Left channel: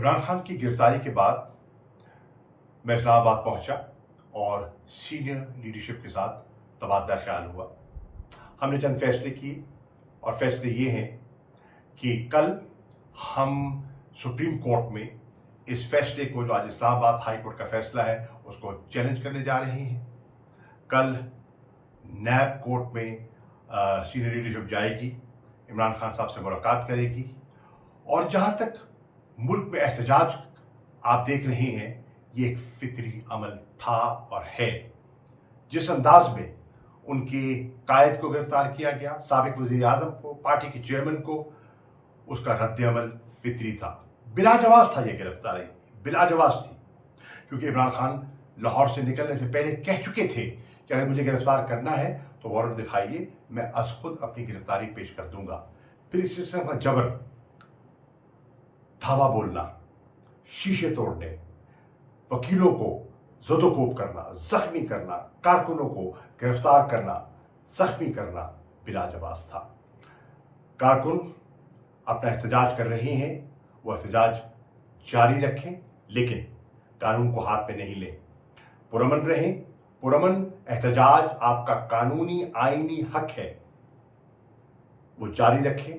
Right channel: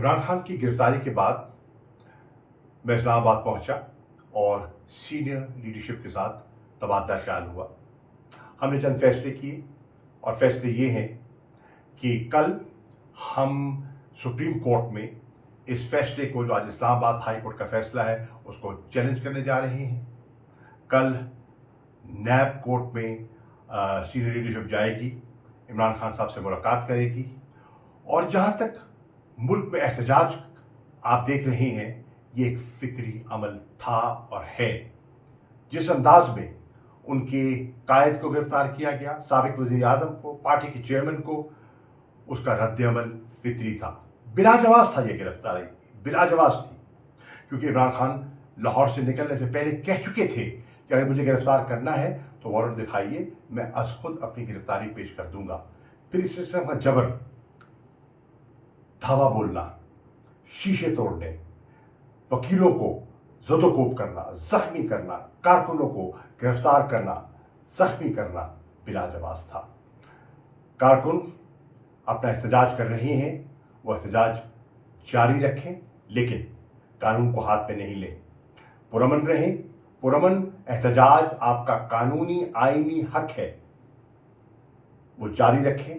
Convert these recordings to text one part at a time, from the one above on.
इमरान खान की गिरफ्तारी के बाद मैं इस्लामाबाद पहुंचा और सीनियर लीडरशिप के साथ तबादला ख्याल हुआ। हमने चंद फैसले किए और फैसले ये हैं कि कल हम सुप्रीम कोर्ट में इस फैसले को, जो आज इस्लामाबाद हाई कोर्ट का फैसला है, उसको चैलेंज करने जा रहे हैं। कल नैब कोर्ट में सीनियर लीडरशिप जाएगी, इमरान खान साहब से मुलाकात करेगी और जहाँ तक मुल्क में एहतजाज आप देख रहे हैं, ये एक फितरी अमल था और है। जिस अंदाज में उनके कायद को गिरफ्तार किया गया, साबिक वज़ीर आज़म को, पार्टी के चेयरमैन को, उसका रद्द-ए-अमल फितरी था। बिलाजवाज़ था ये गिरफ्तारी, बिलाजवाज़ थी, क्योंकि इमरान खान लाहौर से निकलने से पहले कह चुके थे कि अगर मुझे गिरफ्तार करना है तो वारंट दिखाइए, मैं अज़ खुद अपनी गिरफ्तारी पेश कर दूंगा। फिर इस किस्म का जबर, धावा बोलना, शीशे तोड़ने, वकीलों को ज़दोकोब करना, जख्मी करना, कारकुनों को गिरफ्तार करना, जख्मी करना बिलाजवाज़ था। कारकुन अपना एहतजाज कर रहे हैं, वो एहतजाज जारी रखें, लेकिन कानून को हाथ में नहीं लें। पुरअमन रहें। पुरअमन एहतजाज आपका कानूनी आईनी हक है, वो जारी रखें।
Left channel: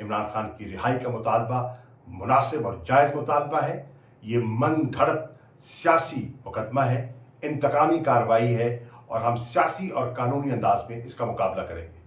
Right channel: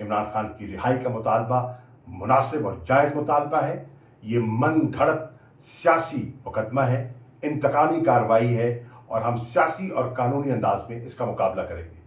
इमरान खान की रिहाई का मुतालबा मुनासिब और जायज़ मुतालबा है। ये मन घड़त सियासी मुकदमा है, इंतकामी कार्रवाई है और हम सियासी और कानूनी अंदाज में इसका मुकाबला करेंगे।